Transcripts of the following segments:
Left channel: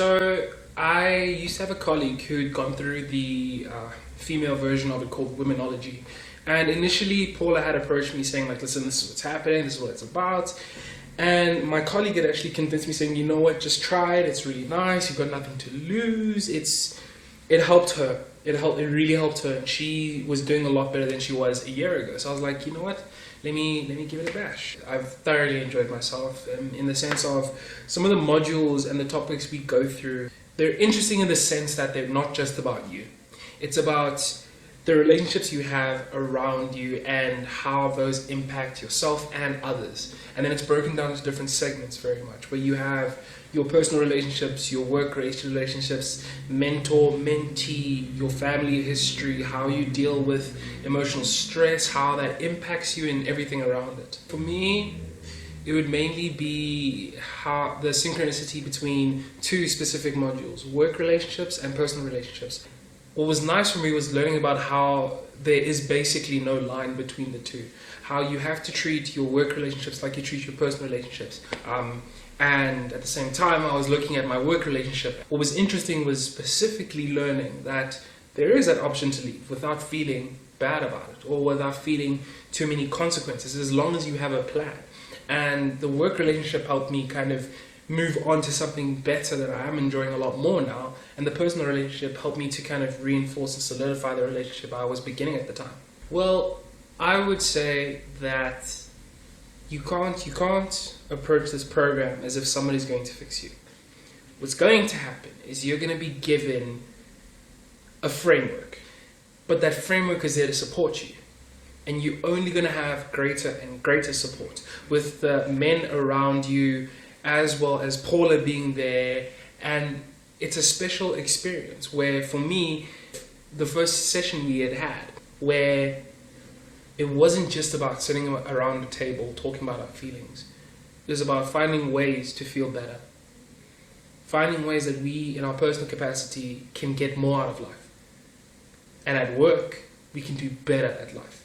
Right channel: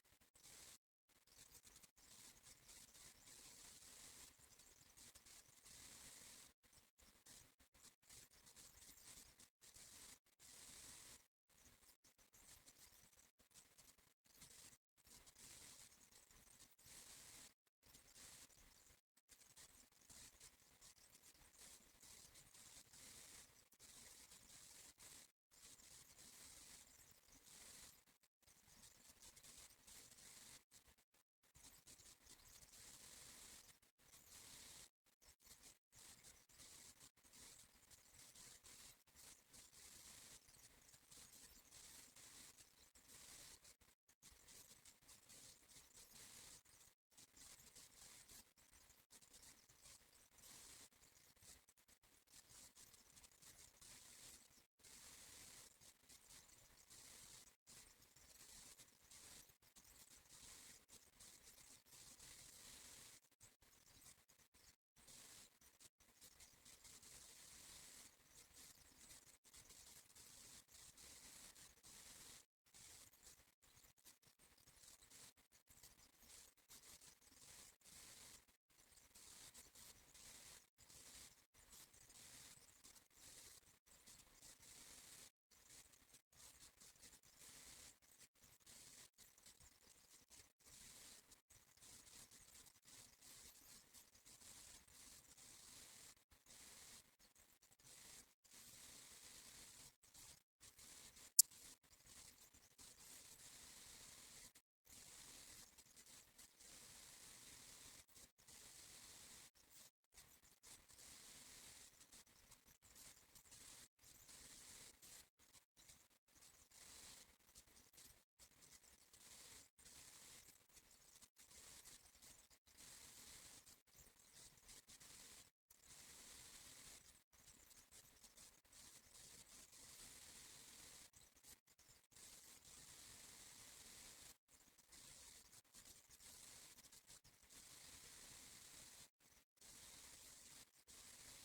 So I used to have a colleague who'd gone through the female version of it called Womenology. And initially, Paula had approached me saying, like, listen, this is what's happening, this is what it's about. And my colleague had actually convinced me, saying, you know what, just try it, it's really nice, you've got nothing to lose. It helped her. It really helped her. And she was doing a lot better than she was a year ago. So I was like, you know what, let me give it a bash. I've thoroughly enjoyed myself in the sense of some of the modules and the topics we go through. They're interesting in the sense that they're not just about you. It's about the relationships you have around you and how those impact yourself and others. And then it's broken down into different segments very much, where you have your personal relationships, your work relationships, mentor, mentee, your family history, how you deal with emotional stress, how that impacts you and everything around it. For me, it would mainly be how the synchronicity between two specific modules, work relationships and personal relationships. What was nice for me was learning about how there is basically no line between the two. How you have to treat your work relationships like you treat your personal relationships. And at the same time, I was looking at my work relationship. What was interesting was specifically learning that there is that option to leave without feeling bad about it or without feeling too many consequences, as long as you have a plan. And the work relationship helped me kind of move on to something better that I am enjoying a lot more now. And the personal relationship helped me to kind of reinforce and solidify the relationship I was beginning at the time. Well, I would say that you can't approach this program as if somebody's going to fix you. What's going to happen is you're going to be given a framework, but that framework is there to support you. And you're only going to have greater and greater support with the men around you, as well as Paula being there. And it's a special experience where, for me, the first session we had, where it wasn't just about sitting around a table talking about our feelings. It was about finding ways to feel better. Finding ways that we, in our personal capacity, can get more out of life. And at work, we can do better at life.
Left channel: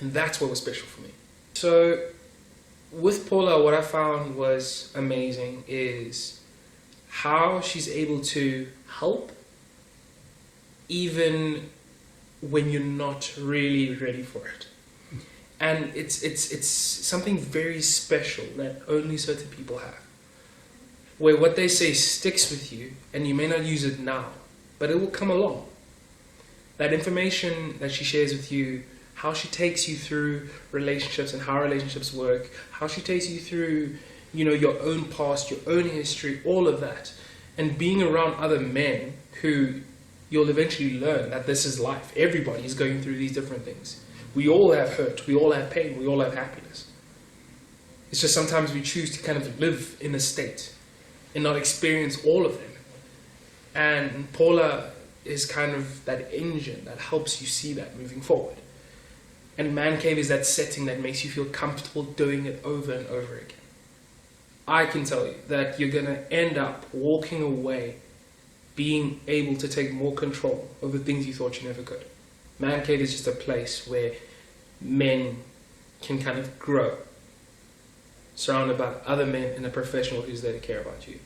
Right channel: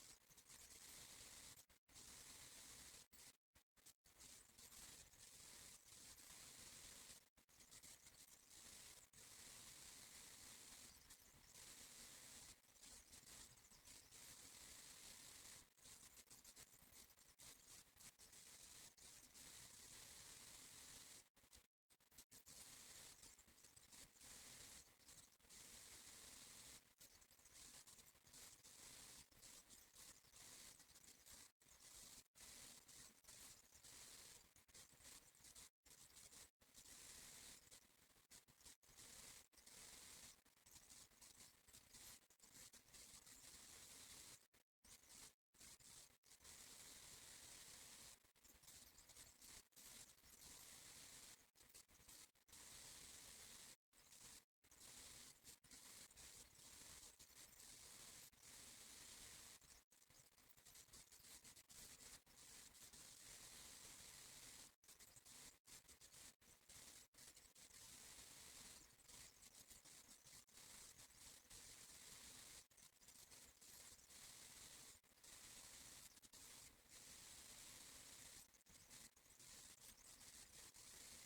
And that's what was special for me. So, with Paula, what I found was amazing is how she's able to help even when you're not really ready for it. And it's something very special that only certain people have. Where what they say sticks with you, and you may not use it now, but it will come along. That information that she shares with you, how she takes you through relationships and how relationships work, how she takes you through, your own past, your own history, all of that. And being around other men who you'll eventually learn that this is life. Everybody is going through these different things. We all have hurt, we all have pain, we all have happiness. It's just sometimes we choose to kind of live in a state and not experience all of them. And Paula is kind of that engine that helps you see that moving forward. And Man Cave is that setting that makes you feel comfortable doing it over and over again. I can tell you that you're going to end up walking away being able to take more control over things you thought you never could. Man Cave is just a place where men can kind of grow, surrounded by other men and a professional who's there to care about you.